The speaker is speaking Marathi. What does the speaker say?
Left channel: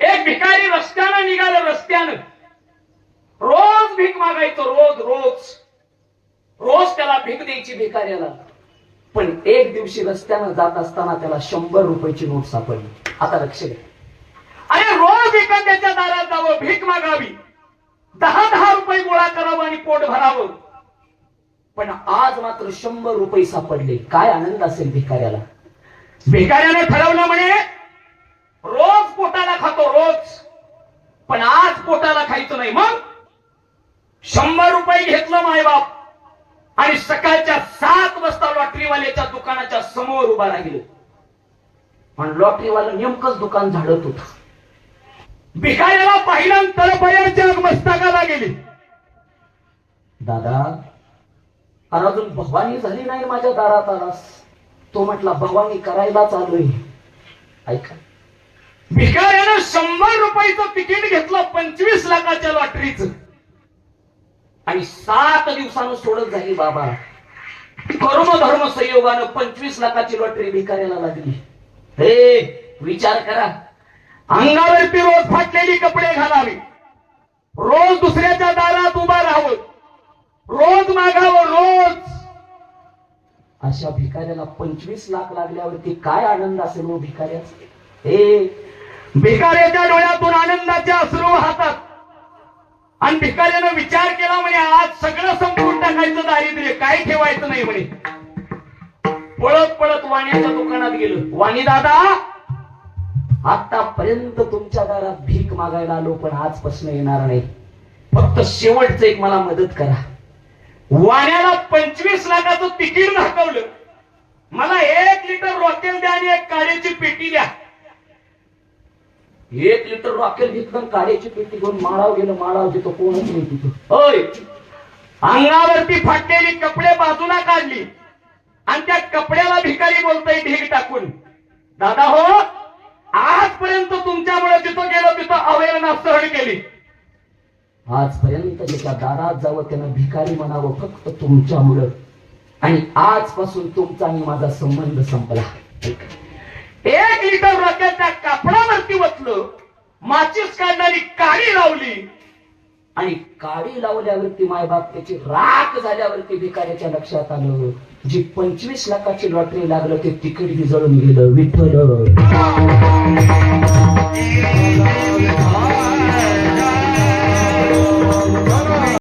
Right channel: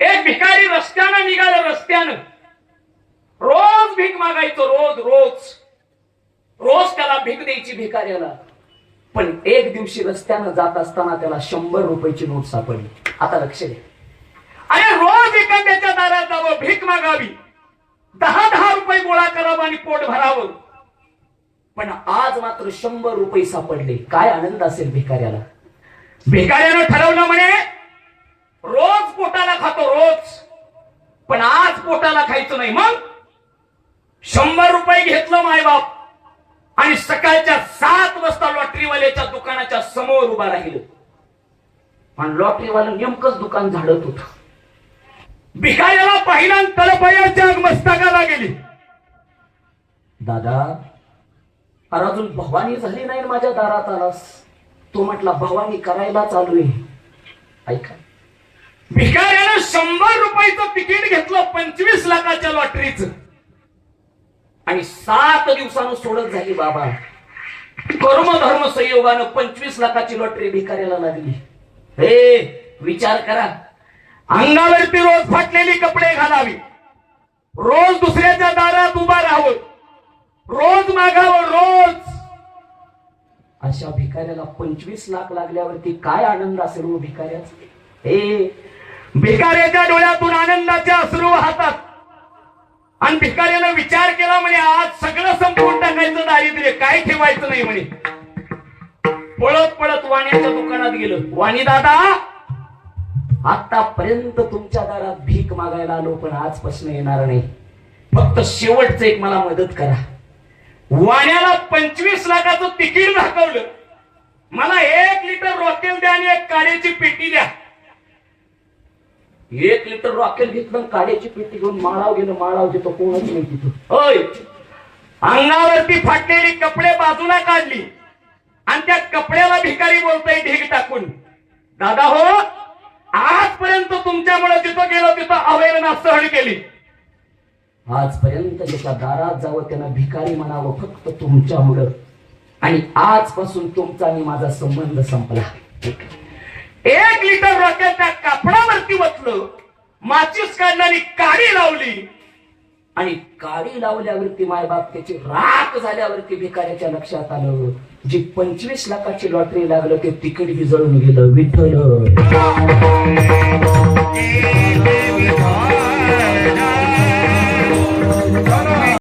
एक भिकारी रस्त्यानं निघालं, रस्त्यानं रोज भीक मागायचं, रोज रोज रोज त्याला भीक द्यायची भिकाऱ्याला. पण एक दिवशी रस्त्यानं जात असताना त्याला 100 रुपयाची नोट सापडली. आता लक्ष द्या, अरे रोज एखाद्याच्या दारात जावं, भीक मागावी, 10-10 रुपये गोळा करावं आणि पोट भरावं. पण आज मात्र 100 रुपये सापडले. काय आनंद असेल भिकाऱ्याला. भिकाऱ्यानं ठरवलं म्हणे रोज पोटाला खातो रोज, पण आज पोटाला खायचं नाही. मग 100 रुपये घेतलं मायबाप आणि सकाळच्या 7 वाजता लॉटरीवाल्याच्या दुकानाच्या समोर उभा राहिलो. आणि लॉटरीवालं नेमकंच दुकान झाडत होत. भिकाऱ्याला पाहिला तळपायाच्या मस्तकाला गेली. दादा, अजून भवानी झाली नाही माझ्या दारात आलास. तो म्हटला भवानी करायला चालू आहे. ऐका, भिकाऱ्यानं 100 रुपयाचं तिकीट घेतलं 25 लाखाच्या लॉटरीचं आणि 7 दिवसानं सोडत झाली. बाबा, कर्म धर्म संयोगानं 25 लाखाची लॉटरी भिकाऱ्याला लागली. हे विचार करा, अंगावरती रोज फाटलेली कपडे घालावी, रोज दुसऱ्याच्या दारात उभा राहावं, रोज मागावं, रोज. अशा भिकाऱ्याला 25 लाख लागल्यावरती काय आनंद असेल हो भिकाऱ्याचा. हे भिकाऱ्याच्या डोळ्यातून आनंदाचे अश्रू वाहतात. आणि भिकाऱ्यानं विचार केला म्हणे आज सगळं संपून टाकायचं, दारिद्र्य काय ठेवायचं नाही म्हणे. पळत पळत वाण्याच्या दुकानात गेलं. वाणी दादा, आतापर्यंत तुमच्या दारात भीक मागायला आलो, पण आजपासून येणार नाही. फक्त शेवटचं एक मला मदत करा. वाण्याला 25 लाखाचं तिकीट दाखवलं. मला 1 लिटर रॉकेल द्या आणि 1 काडीची पेटी द्या. 1 लिटर रॉकेल घेतलं, काड्याची पेटी घेऊन माळाव गेलं. माळाव देतो कोणच नाही तिथं. होय, अंगावरती फाटलेली कपडे बाजूला काढली आणि त्या कपड्याला भिकारी बोलतोय ढीग टाकून, दादा हो, आजपर्यंत तुमच्यामुळे जिथं गेलो तिथं अवहेलना सहन केली. आजपर्यंत ज्याच्या दारात जावं त्यानं भिकारी म्हणावं फक्त तुमच्यामुळं. आणि आजपासून तुमचा आणि माझा संबंध संपला. 1 लिटर रॉकेल त्या कापडावरती वतलं, माचीस काढणारी काडी लावली आणि काडी लावल्यावरती मायबाप त्याची राख झाल्यावरती भिकाऱ्याच्या लक्षात आलं जी 25 लाखाची लॉटरी लागलं ते तिकीट जळून गेलं. विठ्ठल